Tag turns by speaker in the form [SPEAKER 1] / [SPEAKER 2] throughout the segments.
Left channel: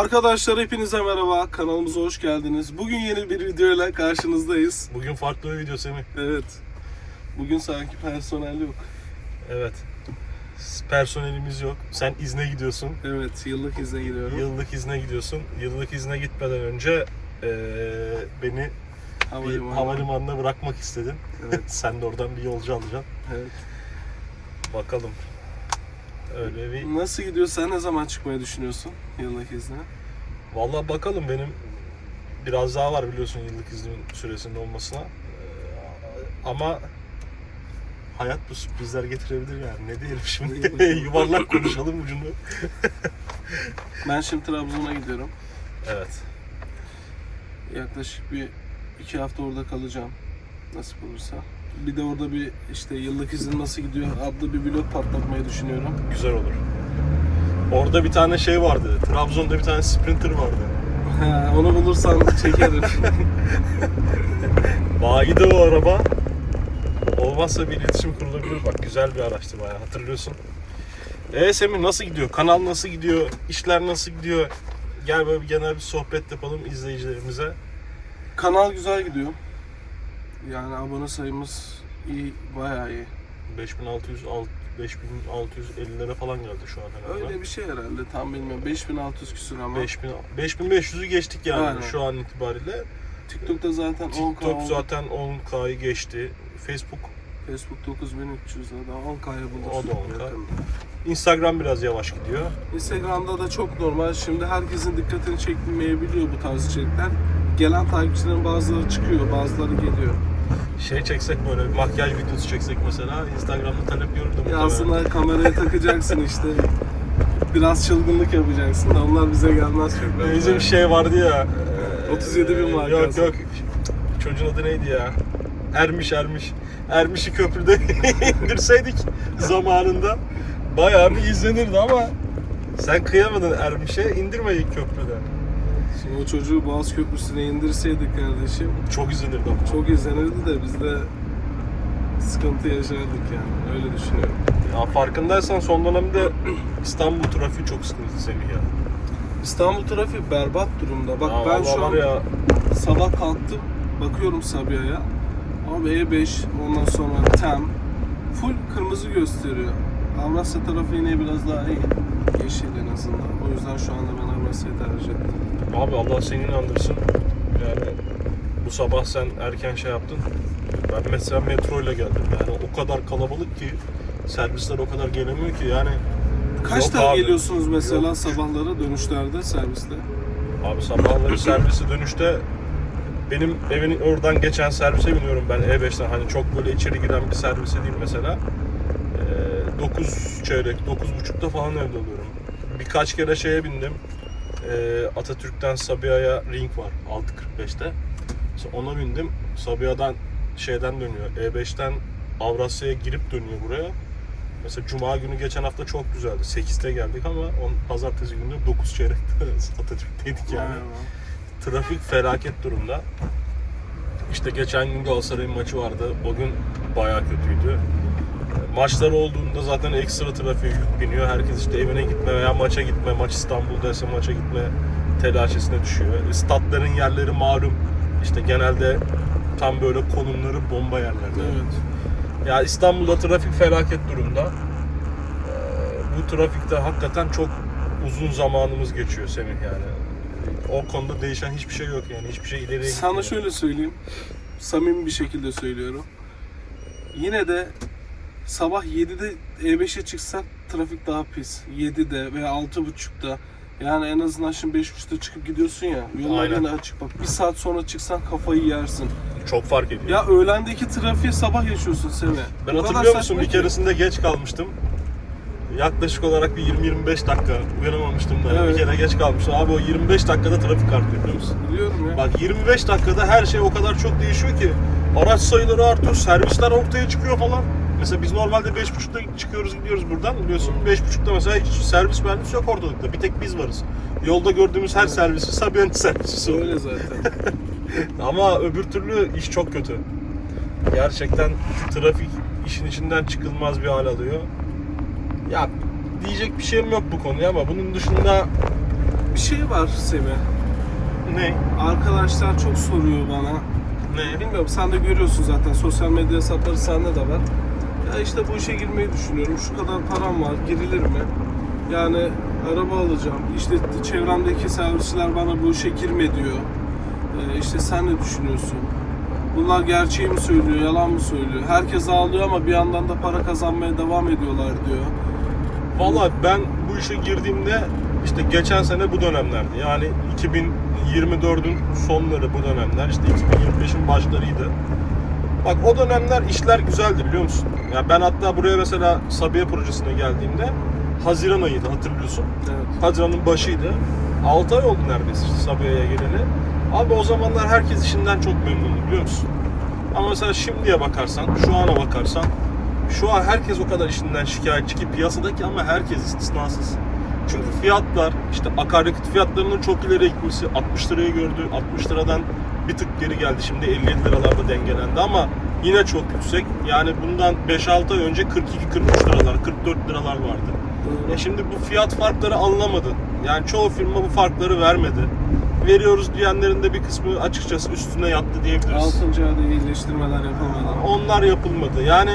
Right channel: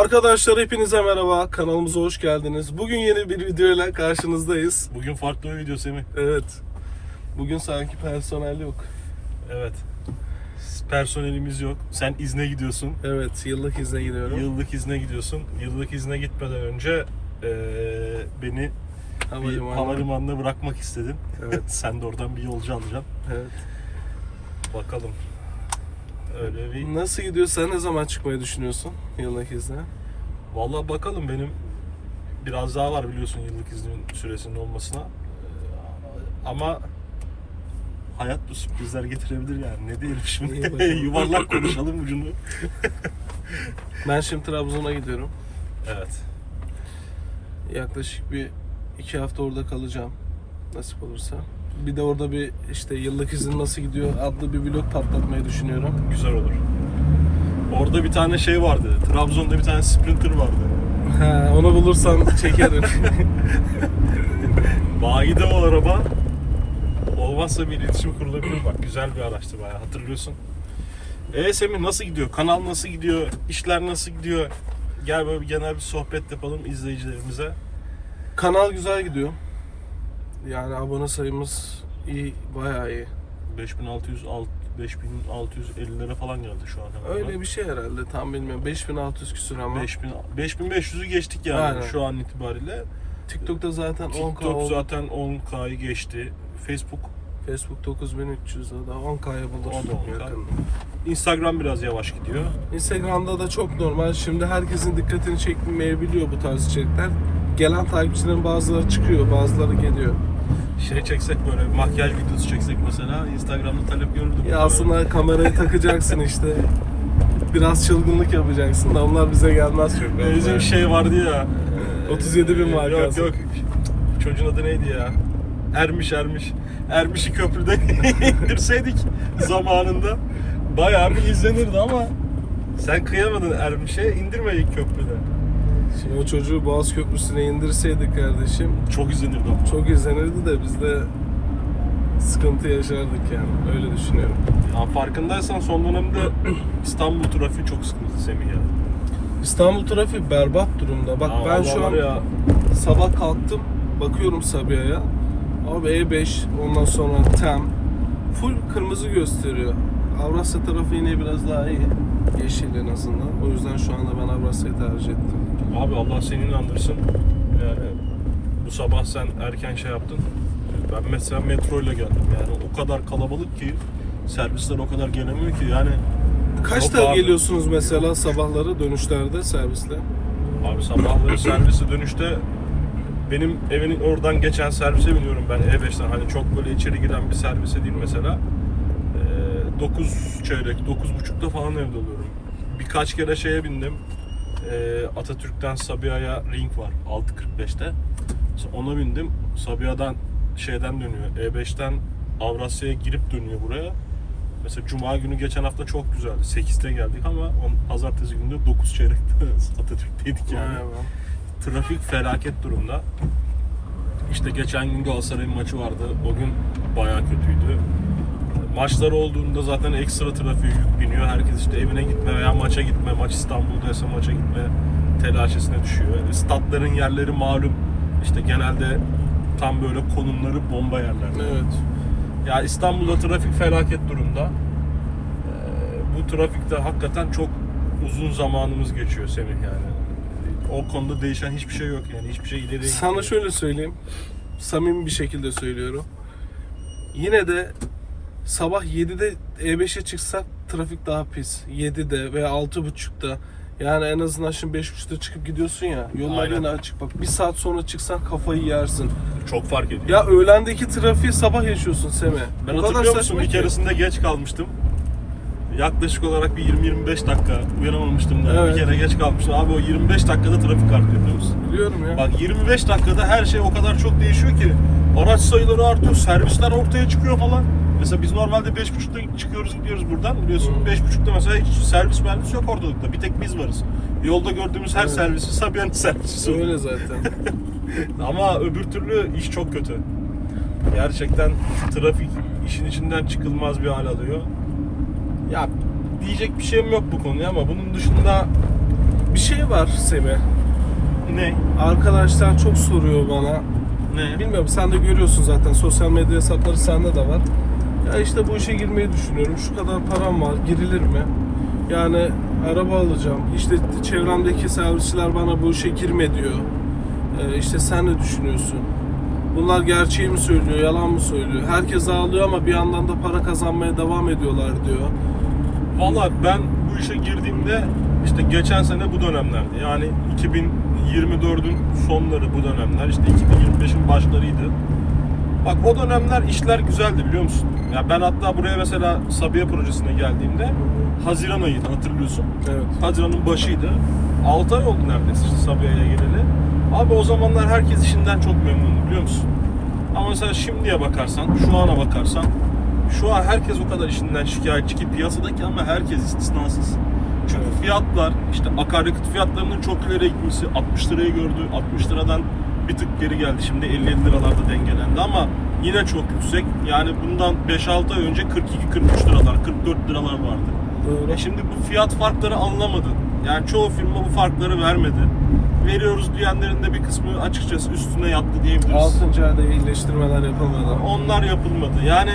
[SPEAKER 1] Arkadaşlar hepinize merhaba. Kanalımıza hoş geldiniz. Bugün yeni bir videoyla karşınızdayız.
[SPEAKER 2] Bugün farklı bir video Semih.
[SPEAKER 1] Evet. Bugün sanki personel yok.
[SPEAKER 2] Evet. Personelimiz yok. Sen izne gidiyorsun.
[SPEAKER 1] Evet, yıllık izne gidiyorum.
[SPEAKER 2] Yıllık izne gidiyorsun. Yıllık izne gitmeden önce eee, beni bir
[SPEAKER 1] Havalimanı.
[SPEAKER 2] havalimanına bırakmak istedin.
[SPEAKER 1] Evet.
[SPEAKER 2] Sen de oradan bir yolcu alacaksın.
[SPEAKER 1] evet.
[SPEAKER 2] Bakalım. Öyle bir...
[SPEAKER 1] Nasıl gidiyor? Sen ne zaman çıkmayı düşünüyorsun yıllık izne?
[SPEAKER 2] Vallahi bakalım benim biraz daha var biliyorsun yıllık iznimin süresinin olmasına. Eee, ama hayat bu sürprizler getirebilir yani. Ne diyelim şimdi? Yuvarlak konuşalım ucunu.
[SPEAKER 1] Ben şimdi Trabzon'a gidiyorum.
[SPEAKER 2] Evet.
[SPEAKER 1] Yaklaşık bir iki hafta orada kalacağım. Nasip olursa. Bir de orada bir işte yıllık izin nasıl gidiyor adlı bir blog patlatmayı düşünüyorum.
[SPEAKER 2] Güzel olur. Orada bir tane şey vardı. Trabzon'da bir tane Sprinter vardı.
[SPEAKER 1] Onu bulursam çekerim.
[SPEAKER 2] Bayide o araba. Olmazsa bir iletişim kurulabilir. Bak güzel bir araçtı bayağı hatırlıyorsun. Eee Semih nasıl gidiyor? Kanal nasıl gidiyor? İşler nasıl gidiyor? Gel böyle bir genel bir sohbet yapalım izleyicilerimize.
[SPEAKER 1] Kanal güzel gidiyor. Yani abone sayımız iyi, bayağı iyi.
[SPEAKER 2] 5600 alt- 5650'lere falan geldi şu an hemen.
[SPEAKER 1] Öyle bir şey herhalde tam bilmiyorum. 5600 küsur ama
[SPEAKER 2] 5000 5500'ü geçtik yani
[SPEAKER 1] Aynen.
[SPEAKER 2] şu an itibariyle.
[SPEAKER 1] TikTok'ta zaten 10k
[SPEAKER 2] TikTok
[SPEAKER 1] oldu.
[SPEAKER 2] zaten 10K'yı geçti. Facebook
[SPEAKER 1] Facebook 9300 daha 10k'ya bulur.
[SPEAKER 2] O da 10K.
[SPEAKER 1] yakında.
[SPEAKER 2] Instagram biraz yavaş gidiyor.
[SPEAKER 1] Instagram'da da çok normal. Şimdi herkesin dikkatini çekmeyebiliyor bu tarz içerikler. Gelen takipçilerin bazıları çıkıyor, bazıları geliyor.
[SPEAKER 2] Şey çeksek böyle bir makyaj videosu çeksek mesela Instagram'da talep görürdüm.
[SPEAKER 1] Ya aslında kameraya takacaksın işte. Biraz çılgınlık yapacaksın da onlar bize gelmez çok.
[SPEAKER 2] Böyle Bizim şey vardı ya.
[SPEAKER 1] 37 bin var
[SPEAKER 2] Yok yok. Çocuğun adı neydi ya? Ermiş Ermiş. Ermiş'i köprüde indirseydik zamanında bayağı bir izlenirdi ama sen kıyamadın Ermiş'e indirmedik köprüde.
[SPEAKER 1] Şimdi o çocuğu Boğaz Köprüsü'ne indirseydik kardeşim
[SPEAKER 2] Çok izlenirdi ama.
[SPEAKER 1] çok izlenirdi de biz de sıkıntı yaşardık yani. Öyle düşünüyorum.
[SPEAKER 2] Ya farkındaysan son dönemde İstanbul trafiği çok sıkıntı Semih ya.
[SPEAKER 1] İstanbul trafiği berbat durumda. Bak
[SPEAKER 2] Ya
[SPEAKER 1] ben şu an
[SPEAKER 2] ya
[SPEAKER 1] sabah kalktım bakıyorum Sabiha'ya. Abi E5 ondan sonra TEM full kırmızı gösteriyor. Avrasya tarafı yine biraz daha iyi. Yeşil en azından. O yüzden şu anda ben Avrasya'yı tercih ettim.
[SPEAKER 2] Abi Allah seni inandırsın. Yani bu sabah sen erken şey yaptın. Ben mesela metro ile geldim. Yani o kadar kalabalık ki servisler o kadar gelemiyor ki yani.
[SPEAKER 1] Kaçta
[SPEAKER 2] abi.
[SPEAKER 1] geliyorsunuz mesela sabahları dönüşlerde serviste?
[SPEAKER 2] Abi sabahları servise dönüşte benim evin oradan geçen servise biniyorum ben E5'ten hani çok böyle içeri giren bir servise değil mesela. Ee, 9 çeyrek, 9.30'da falan evde oluyorum. Birkaç kere şeye bindim. Ee, Atatürk'ten Sabiha'ya ring var 6.45'te. Mesela ona bindim. Sabiha'dan şeyden dönüyor. E5'ten Avrasya'ya girip dönüyor buraya. Mesela Cuma günü geçen hafta çok güzeldi. 8'te geldik ama on, pazartesi günü 9 çeyrekte Atatürk'teydik yani.
[SPEAKER 1] Aynen.
[SPEAKER 2] Trafik felaket durumda. İşte geçen gün Galatasaray'ın maçı vardı. O gün bayağı kötüydü. Maçlar olduğunda zaten ekstra trafiğe yük biniyor. Herkes işte evine gitme veya maça gitme, maç İstanbul'daysa maça gitme telaşesine düşüyor. E, Statların yerleri malum. İşte genelde tam böyle konumları bomba yerlerde.
[SPEAKER 1] Evet.
[SPEAKER 2] Ya İstanbul'da trafik felaket durumda. Ee, Bu trafikte hakikaten çok uzun zamanımız geçiyor Semih yani. O konuda değişen hiçbir şey yok yani. Hiçbir şey ileriye
[SPEAKER 1] Sana
[SPEAKER 2] gitmiyor.
[SPEAKER 1] şöyle söyleyeyim. Samimi bir şekilde söylüyorum. Yine de sabah 7'de E5'e çıksak trafik daha pis. 7'de veya 6.30'da. Yani en azından şimdi 5.30'da çıkıp gidiyorsun ya. Yollar
[SPEAKER 2] Aynen.
[SPEAKER 1] açık. Bak bir saat sonra çıksan kafayı yersin.
[SPEAKER 2] Çok fark ediyor.
[SPEAKER 1] Ya öğlendeki trafiği sabah yaşıyorsun Semih.
[SPEAKER 2] ben
[SPEAKER 1] kadar
[SPEAKER 2] hatırlıyor musun
[SPEAKER 1] saçma
[SPEAKER 2] bir
[SPEAKER 1] ki.
[SPEAKER 2] keresinde geç kalmıştım. Yaklaşık olarak bir 20-25 dakika uyanamamıştım da
[SPEAKER 1] Evet.
[SPEAKER 2] bir kere geç kalmıştım. Abi o 25 dakikada trafik artıyor biliyor musun?
[SPEAKER 1] Biliyorum ya.
[SPEAKER 2] Bak 25 dakikada her şey o kadar çok değişiyor ki araç sayıları artıyor, servisler ortaya çıkıyor falan. Mesela biz normalde 5.30'da çıkıyoruz gidiyoruz buradan biliyorsun 5.30'da mesela hiç servis mühendisi yok ortalıkta bir tek biz varız. Yolda gördüğümüz her
[SPEAKER 1] Evet.
[SPEAKER 2] servisi Sabiha'nın servisi oluyor.
[SPEAKER 1] Öyle zaten.
[SPEAKER 2] Ama öbür türlü iş çok kötü. Gerçekten trafik işin içinden çıkılmaz bir hal alıyor. Ya diyecek bir şeyim yok bu konuya ama bunun dışında
[SPEAKER 1] Bir şey var Semih.
[SPEAKER 2] Ne?
[SPEAKER 1] Arkadaşlar çok soruyor bana.
[SPEAKER 2] Ne?
[SPEAKER 1] Bilmiyorum sen de görüyorsun zaten sosyal medya hesapları sende de var. Ya işte bu işe girmeyi düşünüyorum. Şu kadar param var. Girilir mi? Yani araba alacağım. İşte çevremdeki servisçiler bana bu işe girme diyor. Ee, işte sen ne düşünüyorsun? Bunlar gerçeği mi söylüyor, yalan mı söylüyor? Herkes ağlıyor ama bir yandan da para kazanmaya devam ediyorlar diyor.
[SPEAKER 2] Valla ben bu işe girdiğimde işte geçen sene bu dönemlerdi. Yani 2024'ün sonları bu dönemler. işte 2025'in başlarıydı. Bak o dönemler işler güzeldi biliyor musun? Ya ben hatta buraya mesela Sabiha projesine geldiğimde Haziran ayıydı hatırlıyorsun.
[SPEAKER 1] Evet.
[SPEAKER 2] Haziran'ın başıydı. 6 ay oldu neredeyse işte Sabiha'ya geleli. Abi o zamanlar herkes işinden çok memnundu biliyor musun? Ama mesela şimdiye bakarsan, şu ana bakarsan şu an herkes o kadar işinden şikayetçi ki piyasadaki ama herkes istisnasız. Çünkü fiyatlar, işte akaryakıt fiyatlarının çok ileri gitmesi, 60 lirayı gördü, 60 liradan bir tık geri geldi. Şimdi 50 liralarda dengelendi ama yine çok yüksek. Yani bundan 5-6 ay önce 42-43 liralar, 44 liralar vardı.
[SPEAKER 1] Doğru.
[SPEAKER 2] E şimdi bu fiyat farkları anlamadı. Yani çoğu firma bu farkları vermedi. Veriyoruz diyenlerin de bir kısmı açıkçası üstüne yattı diyebiliriz.
[SPEAKER 1] 6. ayda iyileştirmeler yapılmadı.
[SPEAKER 2] Onlar yapılmadı. Yani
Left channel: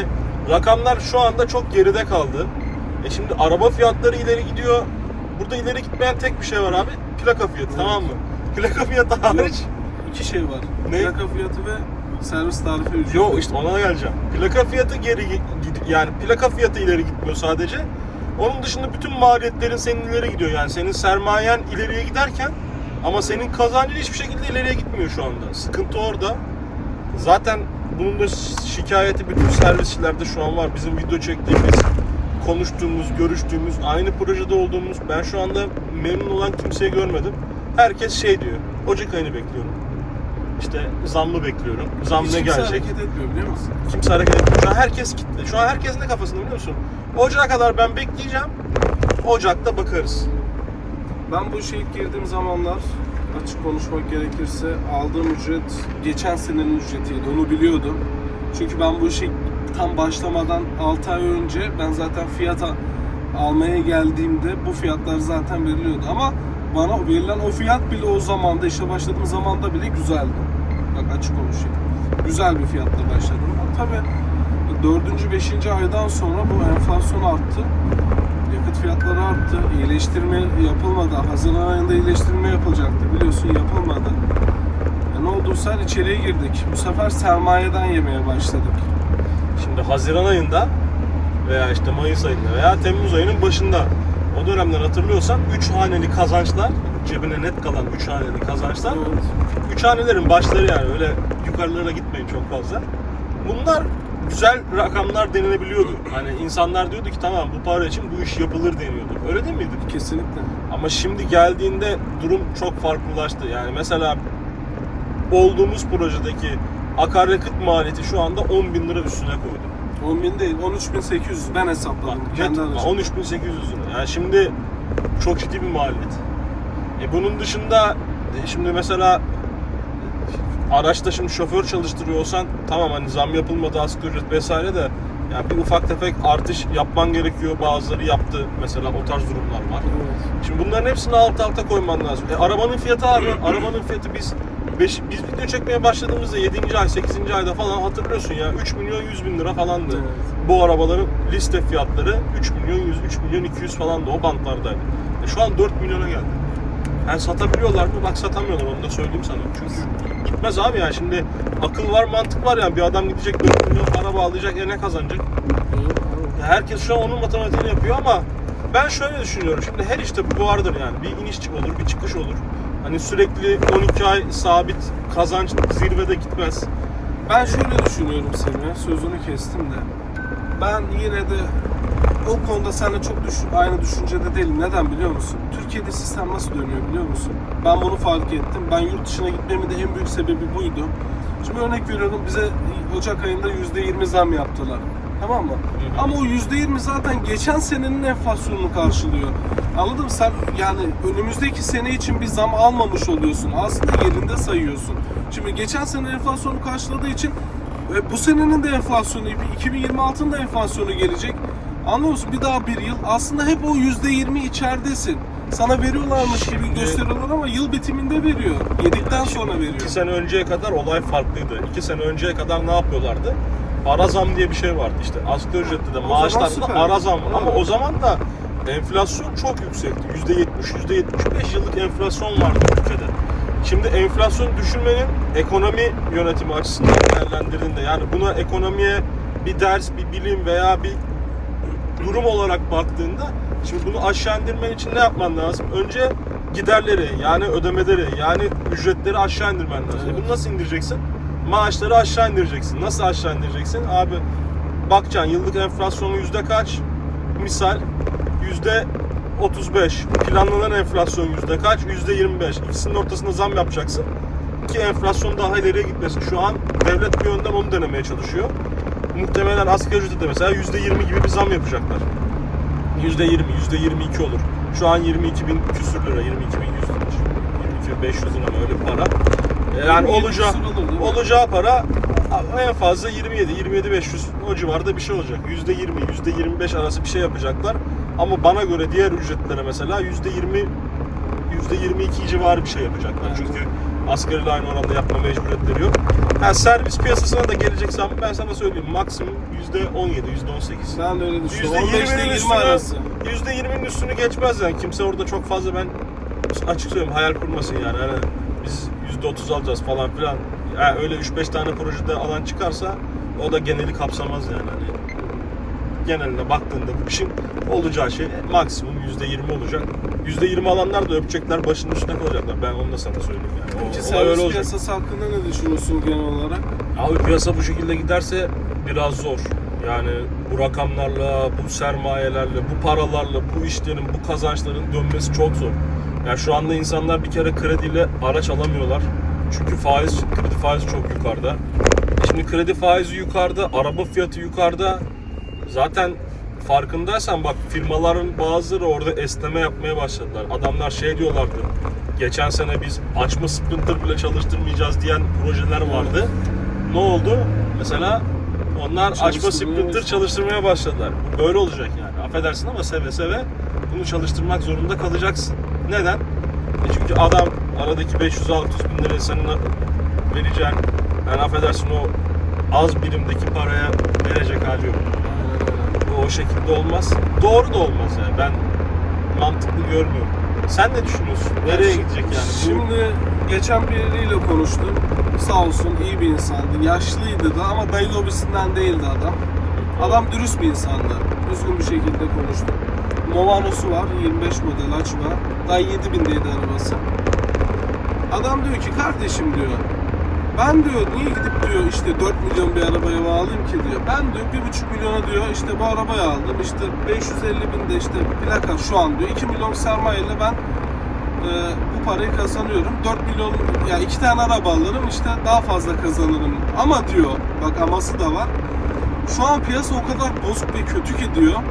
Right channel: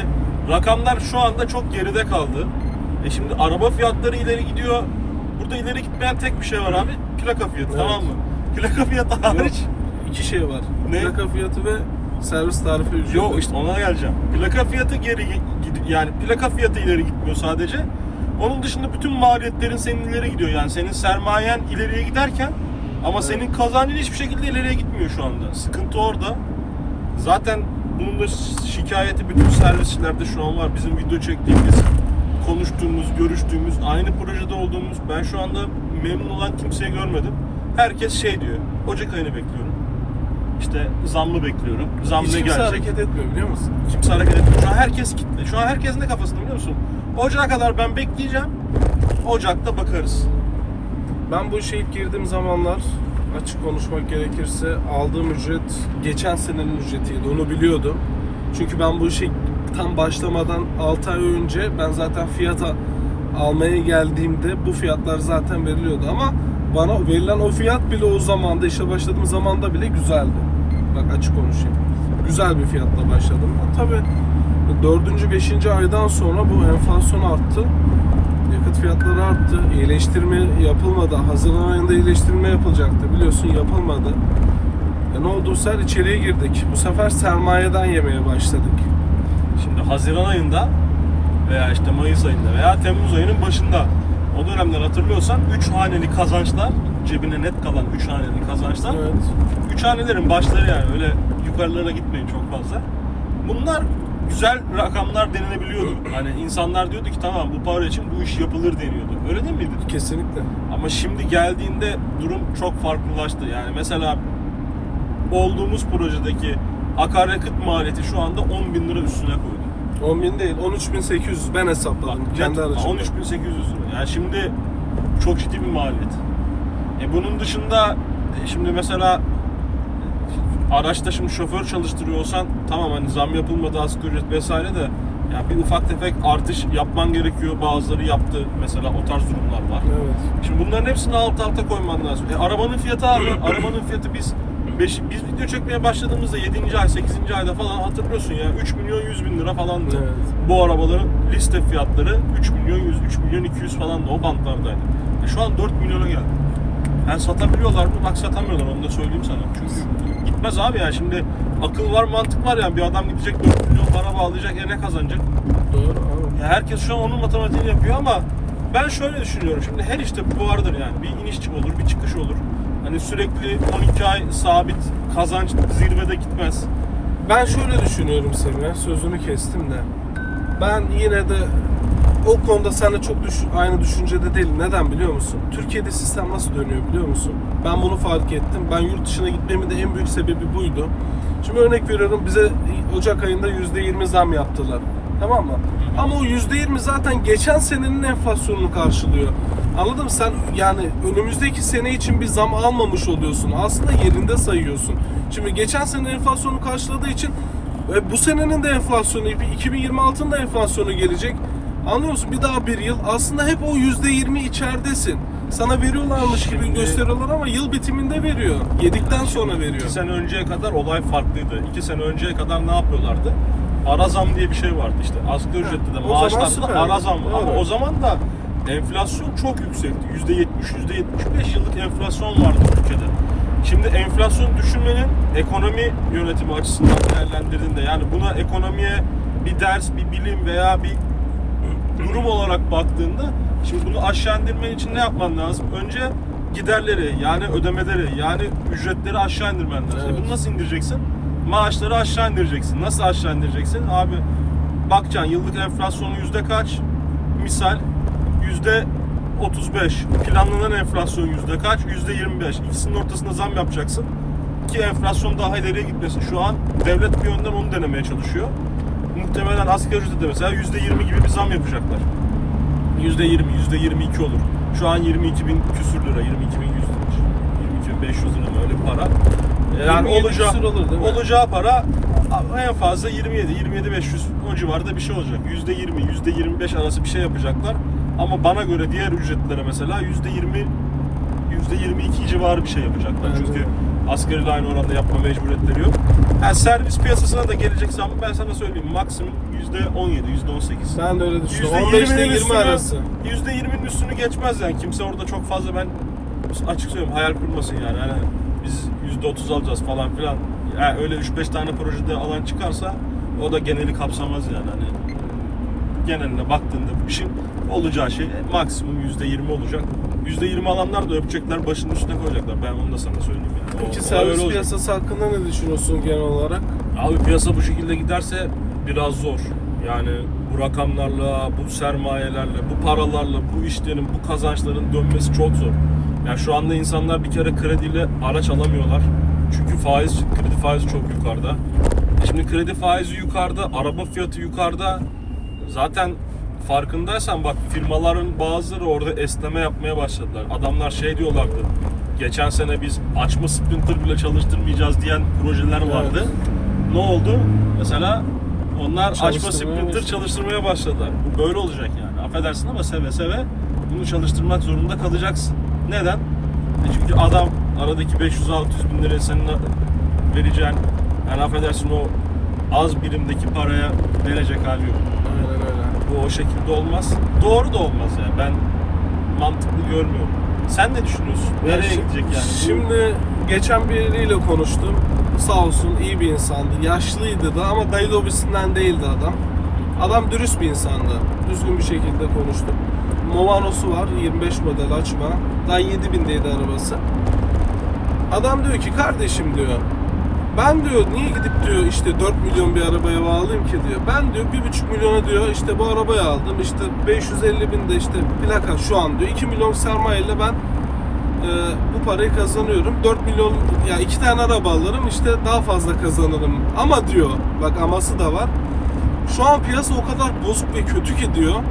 [SPEAKER 2] rakamlar şu anda çok geride kaldı. E şimdi araba fiyatları ileri gidiyor. Burada ileri gitmeyen tek bir şey var abi. Plaka fiyatı
[SPEAKER 1] Evet.
[SPEAKER 2] tamam mı? Plaka fiyatı hariç.
[SPEAKER 1] iki şey var.
[SPEAKER 2] Ne?
[SPEAKER 1] Plaka fiyatı ve servis tarifi ücreti.
[SPEAKER 2] Yok işte ona geleceğim. Plaka fiyatı geri gid- yani plaka fiyatı ileri gitmiyor sadece. Onun dışında bütün maliyetlerin senin ileri gidiyor. Yani senin sermayen ileriye giderken ama senin kazancın hiçbir şekilde ileriye gitmiyor şu anda. Sıkıntı orada. Zaten bunun da şikayeti bütün servisçilerde şu an var. Bizim video çektiğimiz, konuştuğumuz, görüştüğümüz, aynı projede olduğumuz. Ben şu anda memnun olan kimseyi görmedim. Herkes şey diyor. Ocak ayını bekliyorum. İşte zammı bekliyorum. Zam
[SPEAKER 1] Hiç
[SPEAKER 2] ne
[SPEAKER 1] kimse
[SPEAKER 2] gelecek?
[SPEAKER 1] hareket etmiyor biliyor musun?
[SPEAKER 2] Kimse hareket etmiyor. Şu an herkes kitle. Şu an herkes ne kafasında biliyor musun? Ocağa kadar ben bekleyeceğim. Ocakta bakarız.
[SPEAKER 1] Ben bu işe ilk girdiğim zamanlar açık konuşmak gerekirse aldığım ücret geçen senenin ücretiydi. Onu biliyordum. Çünkü ben bu işe tam başlamadan 6 ay önce ben zaten fiyat a- almaya geldiğimde bu fiyatlar zaten veriliyordu ama bana verilen o fiyat bile o zamanda işe başladığım zamanda bile güzeldi. Bak açık konuşayım. Güzel bir fiyatla başladım. Tabii 4. 5. aydan sonra bu enflasyon arttı. Yakıt fiyatları arttı. İyileştirme yapılmadı. Haziran ayında iyileştirme yapılacaktı. Biliyorsun yapılmadı. E ne olduysa içeriye girdik. Bu sefer sermayeden yemeye başladık.
[SPEAKER 2] Şimdi Haziran ayında veya işte Mayıs ayında veya Temmuz ayının başında o dönemler hatırlıyorsan 3 haneli kazançlar cebine net kalan 3 haneli kazançlar
[SPEAKER 1] Evet.
[SPEAKER 2] 3 hanelerin başları yani öyle yukarılara gitmeyin çok fazla. Bunlar güzel rakamlar denilebiliyordu. Hani insanlar diyordu ki tamam bu para için bu iş yapılır deniyordu. Öyle değil miydi?
[SPEAKER 1] Kesinlikle.
[SPEAKER 2] Ama şimdi geldiğinde durum çok farklılaştı. Yani mesela olduğumuz projedeki akaryakıt maliyeti şu anda 10 bin lira üstüne koydu.
[SPEAKER 1] 10 bin değil, 13.800 ben hesapladım. Kendi
[SPEAKER 2] Net
[SPEAKER 1] aracımda.
[SPEAKER 2] 13.800 lira. Yani şimdi çok ciddi bir maliyet. E bunun dışında e şimdi mesela araçta şimdi şoför çalıştırıyorsan tamam hani zam yapılmadı asgari ücret vesaire de yani bir ufak tefek artış yapman gerekiyor. Bazıları yaptı mesela o tarz durumlar var.
[SPEAKER 1] Evet.
[SPEAKER 2] Şimdi bunların hepsini alt alta koyman lazım. E, arabanın fiyatı abi. arabanın fiyatı biz beş, biz video çekmeye başladığımızda 7. ay 8. ayda falan hatırlıyorsun ya 3 milyon 100 bin lira falandı.
[SPEAKER 1] Evet.
[SPEAKER 2] Bu arabaların liste fiyatları 3 milyon 100, 3 milyon 200 falan da o bantlardaydı. E, şu an 4 milyona geldi. Yani satabiliyorlar mı? Bak satamıyorlar onu da söyleyeyim sana. Çünkü gitmez abi yani şimdi akıl var mantık var yani bir adam gidecek 4 milyon araba alacak e ne kazanacak? Ya herkes şu an onun matematiğini yapıyor ama ben şöyle düşünüyorum. Şimdi her işte bu vardır yani. Bir iniş olur, bir çıkış olur. Hani sürekli 12 ay sabit kazanç zirvede gitmez.
[SPEAKER 1] Ben şöyle düşünüyorum Semih, sözünü kestim de. Ben yine de o konuda seninle çok düş aynı düşüncede değilim. Neden biliyor musun? Türkiye'de sistem nasıl dönüyor biliyor musun? Ben bunu fark ettim. Ben yurt dışına gitmemin de en büyük sebebi buydu. Şimdi örnek veriyorum bize Ocak ayında %20 zam yaptılar. Tamam mı?
[SPEAKER 2] hı.
[SPEAKER 1] Ama o %20 zaten geçen senenin enflasyonunu karşılıyor. Anladın mı? Sen yani önümüzdeki sene için bir zam almamış oluyorsun. Aslında yerinde sayıyorsun. Şimdi geçen sene enflasyonu karşıladığı için e, bu senenin de enflasyonu, 2026'ın da enflasyonu gelecek. Anlıyor musun? Bir daha bir yıl. Aslında hep o %20 içeridesin. sana veriyorlarmış gibi gösteriyorlar ama yıl bitiminde veriyor. Yedikten sonra veriyor.
[SPEAKER 2] İki sene önceye kadar olay farklıydı. İki sene önceye kadar ne yapıyorlardı? Ara zam diye bir şey vardı işte. Asgari ücrette de
[SPEAKER 1] O zaman
[SPEAKER 2] maaşlarda
[SPEAKER 1] süper.
[SPEAKER 2] da ara zam var. Ama
[SPEAKER 1] Evet.
[SPEAKER 2] o zaman da enflasyon çok yüksekti. Yüzde yetmiş, yüzde yetmiş beş yıllık enflasyon vardı ülkede. Şimdi enflasyonu düşünmenin ekonomi yönetimi açısından değerlendirdiğinde yani buna ekonomiye bir ders, bir bilim veya bir durum olarak baktığında şimdi bunu aşağı indirmen için ne yapman lazım? Önce giderleri yani ödemeleri yani ücretleri aşağı indirmen lazım.
[SPEAKER 1] Evet.
[SPEAKER 2] Bunu nasıl indireceksin? Maaşları aşağı indireceksin. Nasıl aşağı indireceksin? Abi bakacaksın yıllık enflasyonu yüzde kaç? Misal yüzde 35. Planlanan enflasyon yüzde kaç? Yüzde 25. İkisinin ortasında zam yapacaksın ki enflasyon daha ileriye gitmesin. Şu an devlet bir yönden onu denemeye çalışıyor. Muhtemelen asgari ücrete mesela yüzde 20 gibi bir zam yapacaklar. Yüzde 20, yüzde 22 olur. Şu an 22 bin küsür lira, 22 bin 100 lira. 22 bin 500 lira öyle bir para. Yani
[SPEAKER 1] 27
[SPEAKER 2] olacağı,
[SPEAKER 1] olur
[SPEAKER 2] olacağı para en fazla 27, 27 500 o civarda bir şey olacak. Yüzde 20, yüzde 25 arası bir şey yapacaklar. Ama bana göre diğer ücretlere mesela yüzde 20, yüzde 22 civarı bir şey yapacaklar. Çünkü asgariyle aynı oranda yapma mecburiyetleri yok. Yani servis piyasasına da geleceksem ben sana söyleyeyim maksimum yüzde 17, yüzde 18.
[SPEAKER 1] Ben de öyle düşünüyorum.
[SPEAKER 2] Yüzde
[SPEAKER 1] 15 ile
[SPEAKER 2] 20'nin
[SPEAKER 1] 20
[SPEAKER 2] üstünü,
[SPEAKER 1] arası.
[SPEAKER 2] yüzde 20'nin üstünü geçmez yani. Kimse orada çok fazla ben açık söyleyeyim hayal kurmasın yani. Hani biz yüzde 30 alacağız falan filan. Yani öyle 3-5 tane projede alan çıkarsa o da geneli kapsamaz yani. Hani geneline baktığında bu işin olacağı şey maksimum yüzde 20 olacak. Yüzde 20 alanlar da öpecekler başının üstüne koyacaklar. Ben onu da sana söyleyeyim yani.
[SPEAKER 1] Peki
[SPEAKER 2] o
[SPEAKER 1] servis
[SPEAKER 2] olacak.
[SPEAKER 1] piyasası hakkında ne düşünüyorsun genel olarak?
[SPEAKER 2] Abi piyasa bu şekilde giderse biraz zor. Yani bu rakamlarla, bu sermayelerle, bu paralarla, bu işlerin, bu kazançların dönmesi çok zor. Yani şu anda insanlar bir kere krediyle araç alamıyorlar. Çünkü faiz, kredi faizi çok yukarıda. Şimdi kredi faizi yukarıda, araba fiyatı yukarıda. Zaten farkındaysan bak firmaların bazıları orada esneme yapmaya başladılar. Adamlar şey diyorlardı. Geçen sene biz açma sprinter bile çalıştırmayacağız diyen projeler vardı. Ne oldu? Mesela onlar açma sprinter çalıştırmaya başladılar. Bu böyle olacak yani. Affedersin ama seve seve bunu çalıştırmak zorunda kalacaksın. Neden? E çünkü adam aradaki 500-600 bin lirayı senin vereceğin yani affedersin o az birimdeki paraya verecek hali yok. Bu o şekilde olmaz. Doğru da olmaz yani. Ben mantıklı görmüyorum. Sen ne düşünüyorsun? Nereye gidecek yani?
[SPEAKER 1] Şimdi geçen biriyle konuştum. Sağ olsun iyi bir insandı. Yaşlıydı da ama dayı lobisinden değildi adam. Adam dürüst bir insandı. Düzgün bir şekilde konuştum. Movano'su var. 25 model açma. Daha 7000'deydi arabası. Adam diyor ki kardeşim diyor. Ben diyor niye gidip diyor işte 4 milyon bir arabaya bağlayayım ki diyor. Ben diyor 1,5 milyona diyor işte bu arabayı aldım. İşte 550 bin de işte plaka şu an diyor. 2 milyon sermayeyle ben e, bu parayı kazanıyorum. 4 milyon ya iki tane araba alırım işte daha fazla kazanırım. Ama diyor bak aması da var. Şu an piyasa o kadar bozuk ve kötü ki diyor.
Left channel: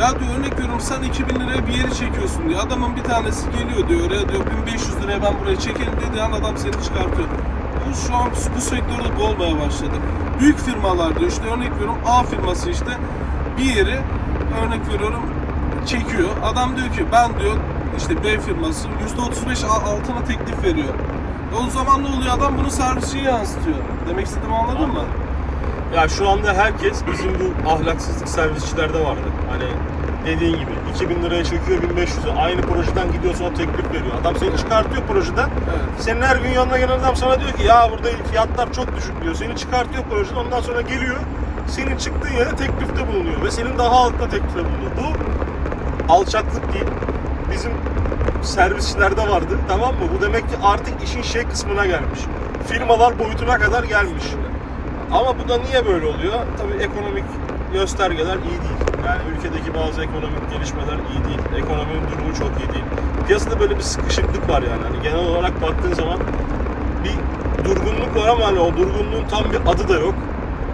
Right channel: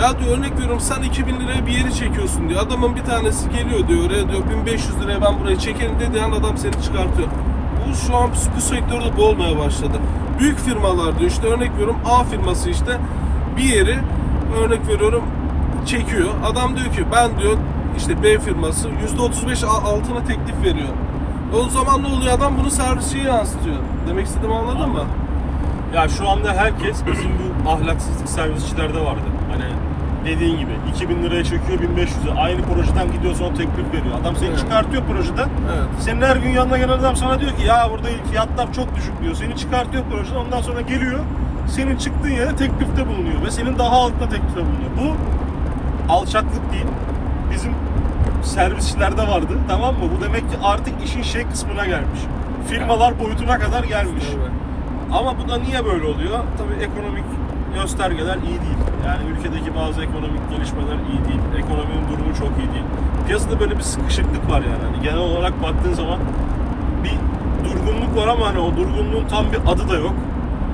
[SPEAKER 1] Ya diyor örnek veriyorum sen 2000 liraya bir yeri çekiyorsun diyor. Adamın bir tanesi geliyor diyor oraya diyor 1500 liraya ben buraya çekerim dediği an adam seni çıkartıyor. Bu şu an bu, sektörde bu olmaya başladı. Büyük firmalar diyor işte örnek veriyorum A firması işte bir yeri örnek veriyorum çekiyor. Adam diyor ki ben diyor işte B firması %35 al- altına teklif veriyor. O zaman ne oluyor adam bunu servisçiye yansıtıyor. Demek istediğimi anladın mı?
[SPEAKER 2] Ya şu anda herkes bizim bu ahlaksızlık servisçilerde vardı. Dediğin gibi 2000 liraya çekiyor 1500'e aynı projeden gidiyor sonra teklif veriyor. Adam seni
[SPEAKER 1] Evet.
[SPEAKER 2] çıkartıyor projeden.
[SPEAKER 1] Evet.
[SPEAKER 2] Senin her gün yanına gelen adam sana diyor ki ya burada fiyatlar çok düşük diyor. Seni çıkartıyor projeden ondan sonra geliyor. Senin çıktığın yere teklifte bulunuyor ve senin daha altında teklifte bulunuyor. Bu alçaklık değil. Bizim servisçilerde vardı tamam mı? Bu demek ki artık işin şey kısmına gelmiş. Firmalar boyutuna kadar gelmiş. Ama bu da niye böyle oluyor? Tabii ekonomik göstergeler iyi değil. Yani ülkedeki bazı ekonomik gelişmeler iyi değil. Ekonominin durumu çok iyi değil. Piyasada böyle bir sıkışıklık var yani. Hani genel olarak baktığın zaman bir durgunluk var ama hani o durgunluğun tam bir adı da yok.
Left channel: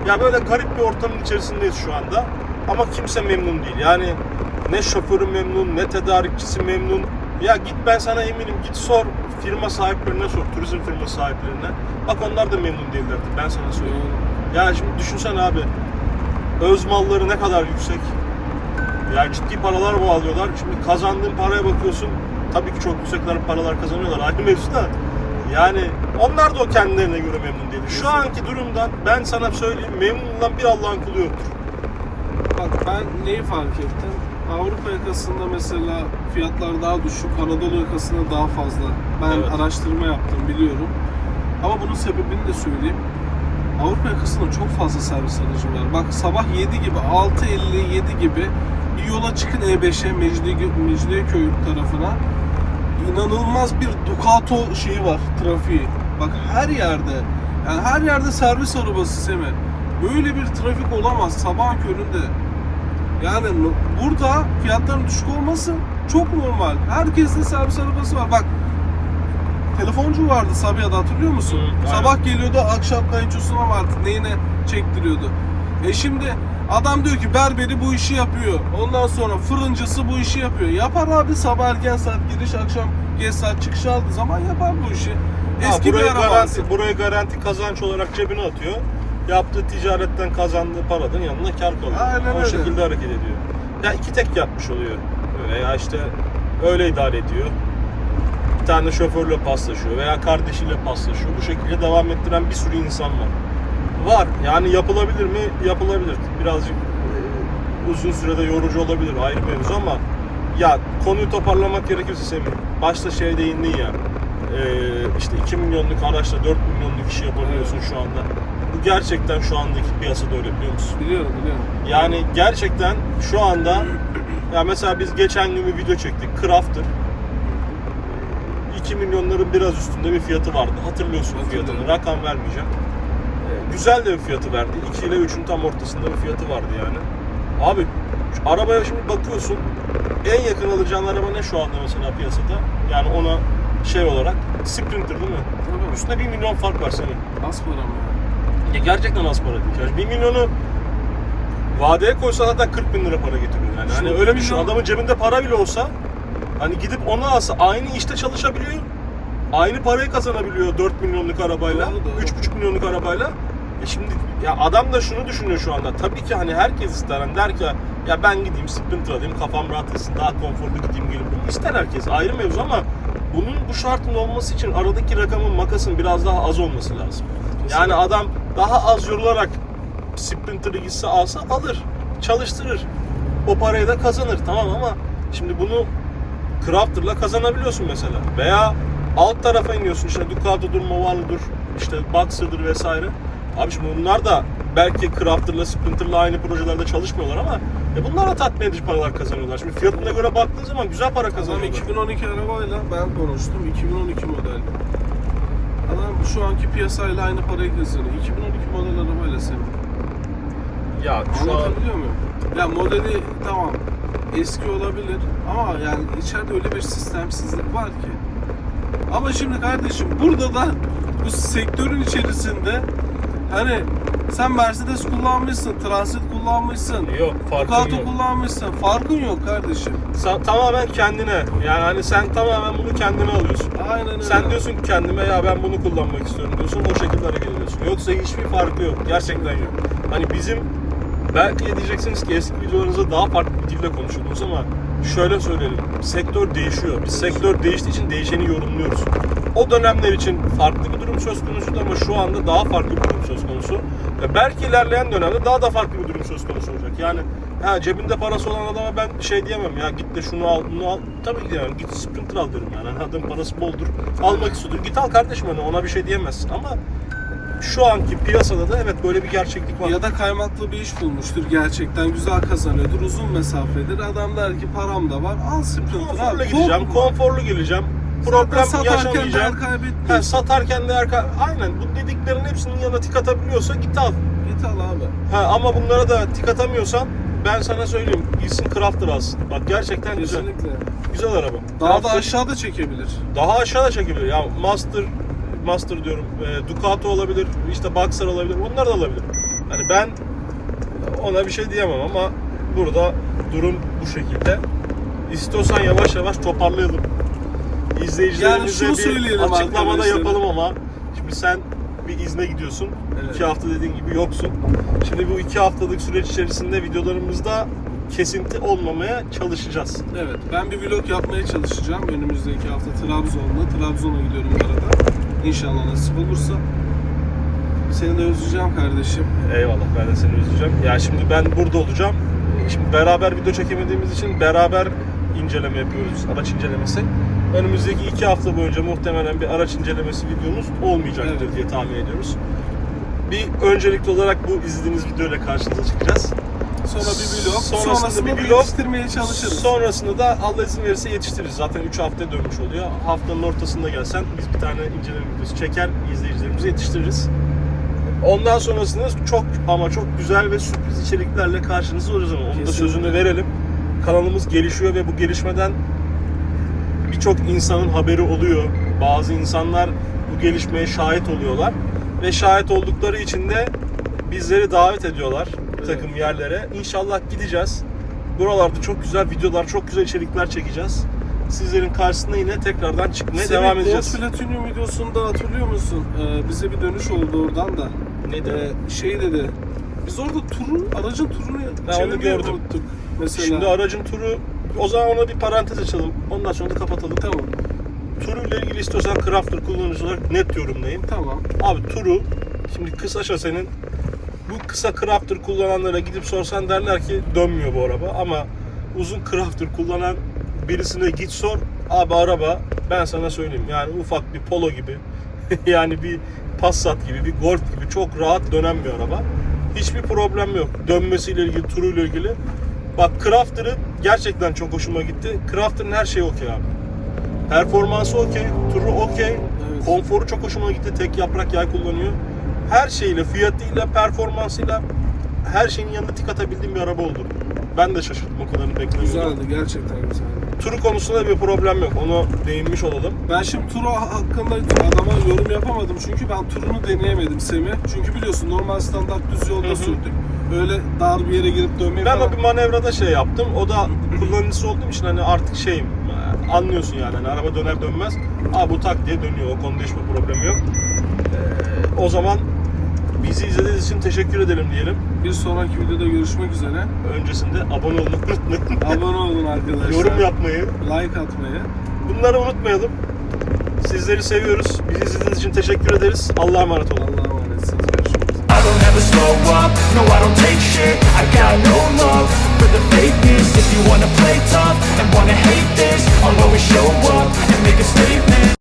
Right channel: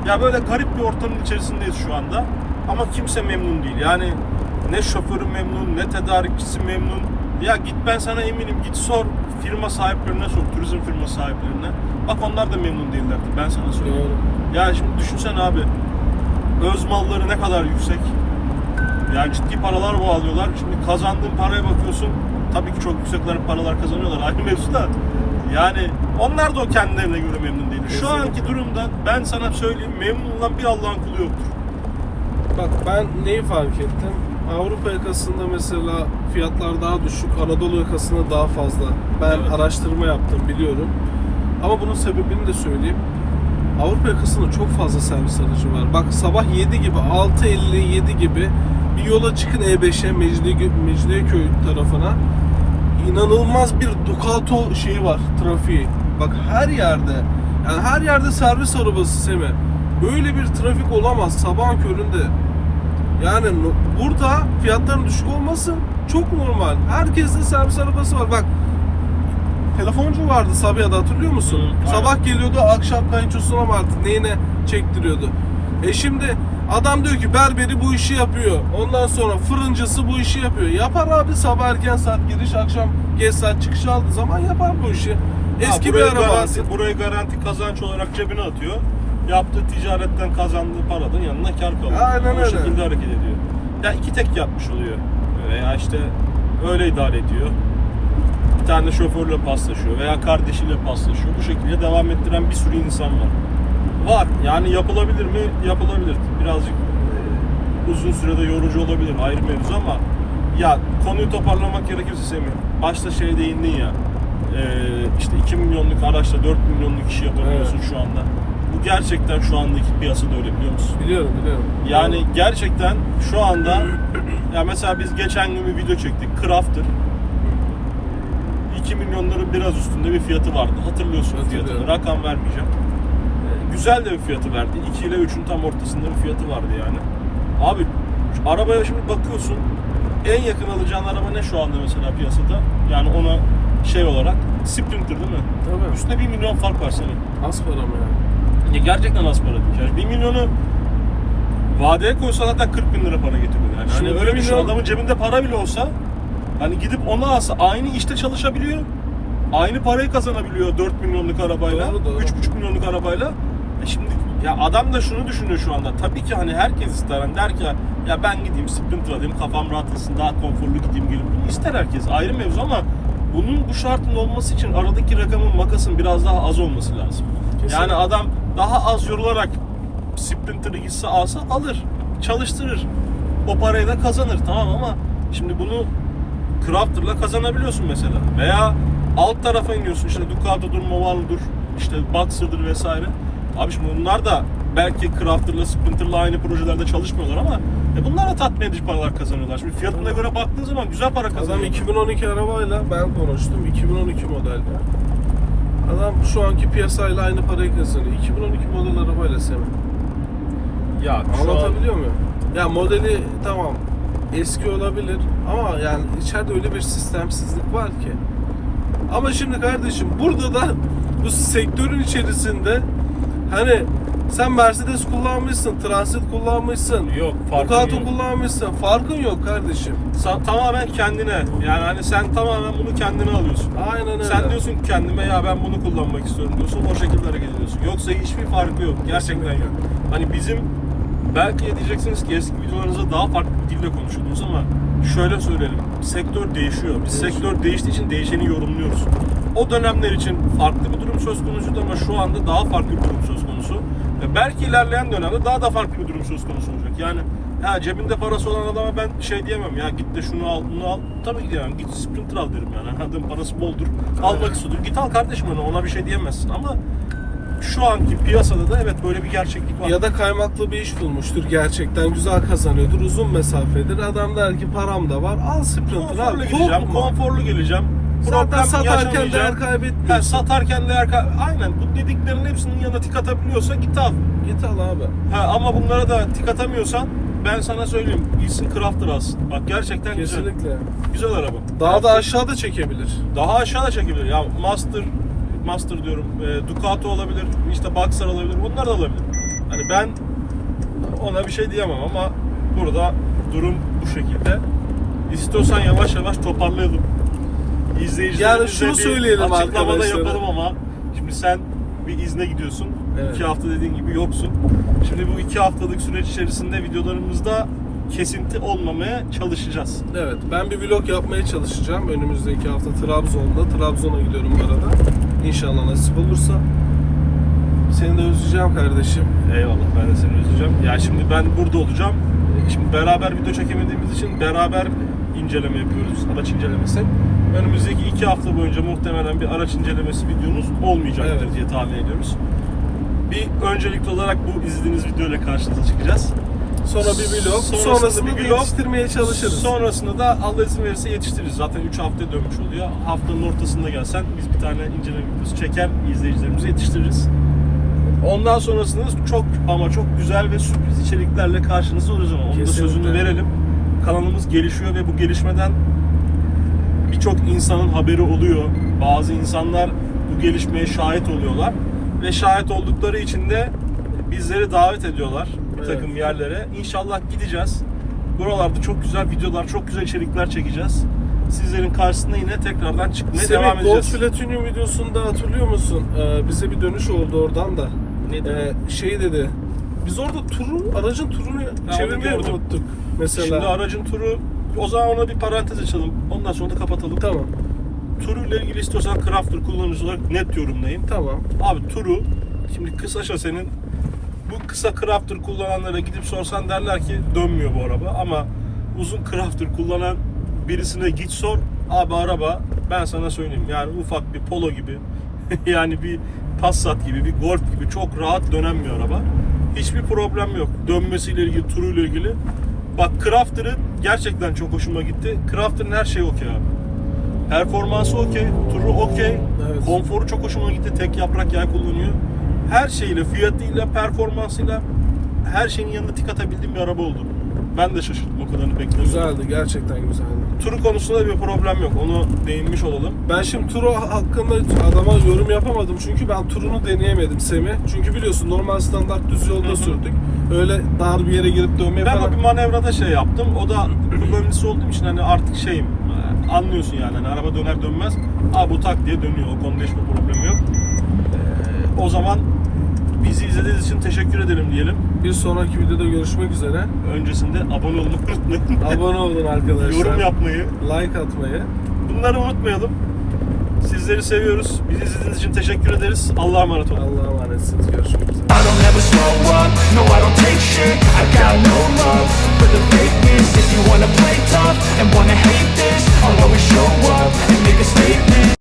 [SPEAKER 2] Ya böyle garip bir ortamın içerisindeyiz şu anda. Ama kimse memnun değil. Yani ne şoförü memnun, ne tedarikçisi memnun. Ya git ben sana eminim git sor firma sahiplerine sor, turizm firma sahiplerine. Bak onlar da memnun değillerdi. Ben sana.
[SPEAKER 1] Doğru.
[SPEAKER 2] Ya şimdi düşünsen abi öz malları ne kadar yüksek. Yani ciddi paralar bağlıyorlar. Şimdi kazandığın paraya bakıyorsun tabii ki çok yüksekler paralar kazanıyorlar ayrı mevzu da. Yani onlar da o kendilerine göre memnun değil. Şu anki durumdan ben sana söyleyeyim memnun olan bir Allah'ın kulu yoktur.
[SPEAKER 1] Bak ben neyi fark ettim? Avrupa yakasında mesela fiyatlar daha düşük, Anadolu yakasında daha fazla. Ben
[SPEAKER 2] Evet.
[SPEAKER 1] araştırma yaptım biliyorum. Ama bunun sebebini de söyleyeyim. Avrupa yakasında çok fazla servis aracı var. Bak sabah 7 gibi, 6.57 gibi bir yola çıkın E5'e, Mecidiye- Mecidiyeköy tarafına. İnanılmaz bir Ducato şeyi var, trafiği. Bak her yerde, yani her yerde servis arabası Semi. Böyle bir trafik olamaz sabahın köründe. Yani burada fiyatların düşük olması çok normal. Herkeste servis arabası var. Bak telefoncu vardı Sabiha'da hatırlıyor musun?
[SPEAKER 2] Hı, aynen.
[SPEAKER 1] Sabah geliyordu akşam kayınçosuna mı artık neyine çektiriyordu. E şimdi adam diyor ki berberi bu işi yapıyor. Ondan sonra fırıncısı bu işi yapıyor. Yapar abi sabah erken saat giriş akşam geç saat çıkış aldığı zaman yapar bu işi. Eski
[SPEAKER 2] Ha,
[SPEAKER 1] bir araba
[SPEAKER 2] garanti, buraya garanti kazanç olarak cebine atıyor. Yaptığı ticaretten kazandığı paradan yanına kar kalıyor.
[SPEAKER 1] Aynen
[SPEAKER 2] o
[SPEAKER 1] öyle.
[SPEAKER 2] şekilde hareket ediyor. Ya iki tek yapmış oluyor. Veya işte öyle idare ediyor. Bir tane şoförle paslaşıyor veya kardeşiyle paslaşıyor. Bu şekilde devam ettiren bir sürü insan var. Var. Yani yapılabilir mi? Yapılabilir. Birazcık e, uzun sürede yorucu olabilir ayrı mevzu ama ya konuyu toparlamak gerekirse Semih başta şey değindin ya e, işte 2 milyonluk araçla 4 milyonluk işi yapabiliyorsun şu anda. Bu gerçekten şu andaki piyasada öyle biliyor musun?
[SPEAKER 1] Biliyorum biliyorum.
[SPEAKER 2] Yani gerçekten şu anda ya mesela biz geçen gün bir video çektik. Crafter 2 milyonların biraz üstünde bir fiyatı vardı. Hatırlıyorsun fiyatını. Rakam vermeyeceğim. Ee, güzel de bir fiyatı verdi. 2 ile 3'ün tam ortasında bir fiyatı vardı yani. Abi arabaya şimdi bakıyorsun. En yakın alacağın araba ne şu anda mesela piyasada? Yani ona şey olarak Sprinter değil mi?
[SPEAKER 1] Tabii.
[SPEAKER 2] Üstüne 1 milyon fark var senin.
[SPEAKER 1] Az para mı ya?
[SPEAKER 2] Ya gerçekten az para. Yani 1 milyonu vadeye koysan zaten 40 bin lira para getiriyor yani. Hani
[SPEAKER 1] Şimdi
[SPEAKER 2] öyle bir şey adamın cebinde para bile olsa hani gidip onu alsa aynı işte çalışabiliyor. Aynı parayı kazanabiliyor 4 milyonluk arabayla,
[SPEAKER 1] Doğru, doğru.
[SPEAKER 2] 3,5 milyonluk arabayla. E şimdi ya adam da şunu düşünüyor şu anda. Tabii ki hani herkes ister. Hani der ki ya ben gideyim Sprinter alayım kafam rahat etsin daha konforlu gideyim gelip bunu ister herkes ayrı mevzu ama bunun bu şartın olması için aradaki rakamın makasın biraz daha az olması lazım.
[SPEAKER 1] Kesinlikle.
[SPEAKER 2] Yani adam daha az yorularak Sprinter'ı gitse alsa alır, çalıştırır. O parayı da kazanır tamam ama şimdi bunu Crafter'la kazanabiliyorsun mesela. Veya alt tarafa iniyorsun işte Ducato'dur, Movano'dur, işte Boxer'dır vesaire. Abi şimdi bunlar da belki Crafter'la Sprinter'la aynı projelerde çalışmıyorlar ama e bunlar da tatmin edici paralar kazanıyorlar. Şimdi fiyatına göre baktığın zaman güzel para kazanıyorlar.
[SPEAKER 1] 2012 arabayla ben konuştum. 2012 model. Adam şu anki piyasayla aynı parayı kazanıyor. 2012 model arabayla Semi.
[SPEAKER 2] Ya şu an-
[SPEAKER 1] Anlatabiliyor muyum? Ya modeli tamam eski olabilir ama yani içeride öyle bir sistemsizlik var ki. Ama şimdi kardeşim burada da bu sektörün içerisinde hani sen Mercedes kullanmışsın, Transit kullanmışsın,
[SPEAKER 2] Yok, farkın
[SPEAKER 1] Ducato
[SPEAKER 2] yok.
[SPEAKER 1] kullanmışsın. Farkın yok kardeşim.
[SPEAKER 2] Sa- tamamen kendine. Yani hani sen tamamen bunu kendine alıyorsun.
[SPEAKER 1] Aynen öyle.
[SPEAKER 2] Sen diyorsun ki kendime ya ben bunu kullanmak istiyorum diyorsun. O şekilde hareket ediyorsun. Yoksa hiçbir farkı yok. Gerçekten yok. Hani bizim belki diyeceksiniz ki eski videolarınızda daha farklı bir dille konuşuyordunuz ama şöyle söyleyelim. Sektör değişiyor. Biz sektör değiştiği için değişeni yorumluyoruz. O dönemler için farklı bir durum söz konusuydu ama şu anda daha farklı bir durum söz konusu. Ve belki ilerleyen dönemde daha da farklı bir durum söz konusu olacak. Yani ha, cebinde parası olan adama ben şey diyemem ya git de şunu al bunu al. Tabii ki yani git Sprinter al derim yani. Adamın parası boldur. Almak istiyordur. Git al kardeşim ona bir şey diyemezsin ama şu anki piyasada da evet böyle bir gerçeklik var.
[SPEAKER 1] Ya da kaymaklı bir iş bulmuştur gerçekten güzel kazanıyordur uzun mesafedir adam der ki param da var al Sprinter
[SPEAKER 2] konforlu
[SPEAKER 1] al
[SPEAKER 2] gideceğim,
[SPEAKER 1] korkma.
[SPEAKER 2] konforlu geleceğim.
[SPEAKER 1] Zaten
[SPEAKER 2] Problem
[SPEAKER 1] satarken değer
[SPEAKER 2] yaşamayacağım.
[SPEAKER 1] kaybetmiyorsun.
[SPEAKER 2] Ha, satarken değer kay- Aynen bu dediklerin hepsinin yanına tik atabiliyorsa git al.
[SPEAKER 1] Git al abi.
[SPEAKER 2] Ha, ama bunlara da tik atamıyorsan ben sana söyleyeyim gitsin Crafter alsın. Bak gerçekten güzel.
[SPEAKER 1] Kesinlikle.
[SPEAKER 2] Güzel araba.
[SPEAKER 1] Daha da aşağıda çekebilir.
[SPEAKER 2] Daha aşağıda çekebilir. Ya Master Master diyorum. E, Ducato olabilir, işte Boxer olabilir. Bunlar da olabilir. Yani ben ona bir şey diyemem ama burada durum bu şekilde. İstiyorsan yavaş yavaş toparlayalım. İzleyicilerimize
[SPEAKER 1] Yani şunu
[SPEAKER 2] bir
[SPEAKER 1] söyleyelim
[SPEAKER 2] açıklamada yapalım ama şimdi sen bir izne gidiyorsun.
[SPEAKER 1] Evet.
[SPEAKER 2] İki hafta dediğin gibi yoksun. Şimdi bu iki haftalık süreç içerisinde videolarımızda kesinti olmamaya çalışacağız.
[SPEAKER 1] Evet, ben bir vlog yapmaya çalışacağım. Önümüzdeki hafta Trabzon'da. Trabzon'a gidiyorum bu arada. İnşallah nasip olursa. Seni de özleyeceğim kardeşim.
[SPEAKER 2] Eyvallah ben de seni özleyeceğim. Ya şimdi ben burada olacağım. Şimdi beraber video çekemediğimiz için beraber inceleme yapıyoruz. Araç incelemesi. Önümüzdeki iki hafta boyunca muhtemelen bir araç incelemesi videomuz olmayacaktır
[SPEAKER 1] Evet.
[SPEAKER 2] diye tahmin ediyoruz. Bir öncelikli olarak bu izlediğiniz videoyla karşınıza çıkacağız.
[SPEAKER 1] Sonra bir vlog.
[SPEAKER 2] Sonrasında
[SPEAKER 1] Sonrasında
[SPEAKER 2] bir vlog.
[SPEAKER 1] yetiştirmeye çalışırız.
[SPEAKER 2] Sonrasında da Allah izin verirse yetiştiririz. Zaten 3 hafta dönmüş oluyor. Haftanın ortasında gelsen biz bir tane inceleme videosu çeker, izleyicilerimizi yetiştiririz. Ondan sonrasında çok ama çok güzel ve sürpriz içeriklerle karşınızda olacağız ama onun da sözünü verelim. Kanalımız gelişiyor ve bu gelişmeden birçok insanın haberi oluyor. Bazı insanlar bu gelişmeye şahit oluyorlar ve şahit oldukları için de bizleri davet ediyorlar bir takım yerlere. İnşallah gideceğiz. Buralarda çok güzel videolar, çok güzel içerikler çekeceğiz. Sizlerin karşısına yine tekrardan çıkmaya devam
[SPEAKER 1] Semih Gold
[SPEAKER 2] edeceğiz.
[SPEAKER 1] Platinum videosunda hatırlıyor musun? Ee, bize bir dönüş oldu oradan da.
[SPEAKER 2] Neydi?
[SPEAKER 1] Ee, şey dedi. Biz orada turu, aracın turunu çevirmeyi unuttuk. Mesela.
[SPEAKER 2] Şimdi aracın turu o zaman ona bir parantez açalım. Ondan sonra da kapatalım.
[SPEAKER 1] Tamam,
[SPEAKER 2] Turuyla ilgili istiyorsan Crafter kullanıcı olarak net yorumlayayım.
[SPEAKER 1] tamam.
[SPEAKER 2] Abi turu şimdi kısa şasenin bu kısa crafter kullananlara gidip sorsan derler ki dönmüyor bu araba ama uzun crafter kullanan birisine git sor abi araba ben sana söyleyeyim yani ufak bir polo gibi yani bir Passat gibi bir Golf gibi çok rahat dönen bir araba. Hiçbir problem yok. Dönmesiyle ilgili, turuyla ilgili. Bak Crafter'ı gerçekten çok hoşuma gitti. Crafter'ın her şeyi okey abi. Performansı okey, turu okey,
[SPEAKER 1] Evet.
[SPEAKER 2] konforu çok hoşuma gitti. Tek yaprak yay kullanıyor. Her şeyle, fiyatıyla, performansıyla her şeyin yanında tik atabildiğim bir araba oldu. Ben de şaşırdım o kadarını beklemiyordum.
[SPEAKER 1] Güzeldi, gerçekten güzeldi.
[SPEAKER 2] Turu konusunda bir problem yok. Onu değinmiş olalım.
[SPEAKER 1] Ben şimdi turu hakkında adama yorum yapamadım çünkü ben turunu deneyemedim Semih. Çünkü biliyorsun normal standart düz yolda
[SPEAKER 2] Hı hı.
[SPEAKER 1] sürdük. Öyle dar bir yere girip dönmeye
[SPEAKER 2] Ben
[SPEAKER 1] falan.
[SPEAKER 2] o bir manevrada şey yaptım. O da kullanıcısı olduğum için hani artık şeyim e, anlıyorsun yani. Hani araba döner dönmez. Aa bu tak diye dönüyor. O konuda hiçbir problem yok. Ee, o zaman bizi izlediğiniz için teşekkür edelim diyelim.
[SPEAKER 1] Bir sonraki videoda görüşmek üzere.
[SPEAKER 2] Öncesinde abone olmayı unutmayın.
[SPEAKER 1] Abone olun arkadaşlar.
[SPEAKER 2] Yorum yapmayı.
[SPEAKER 1] Like atmayı.
[SPEAKER 2] Bunları unutmayalım. Sizleri seviyoruz. Bizi izlediğiniz için teşekkür ederiz. Allah'a emanet olun.
[SPEAKER 1] Allah'a emanetsiniz. Görüşmek üzere.
[SPEAKER 3] I don't ever slow up, no I don't take shit I got no love for the fakeness If you wanna play tough and wanna hate this I'll always show up and make a statement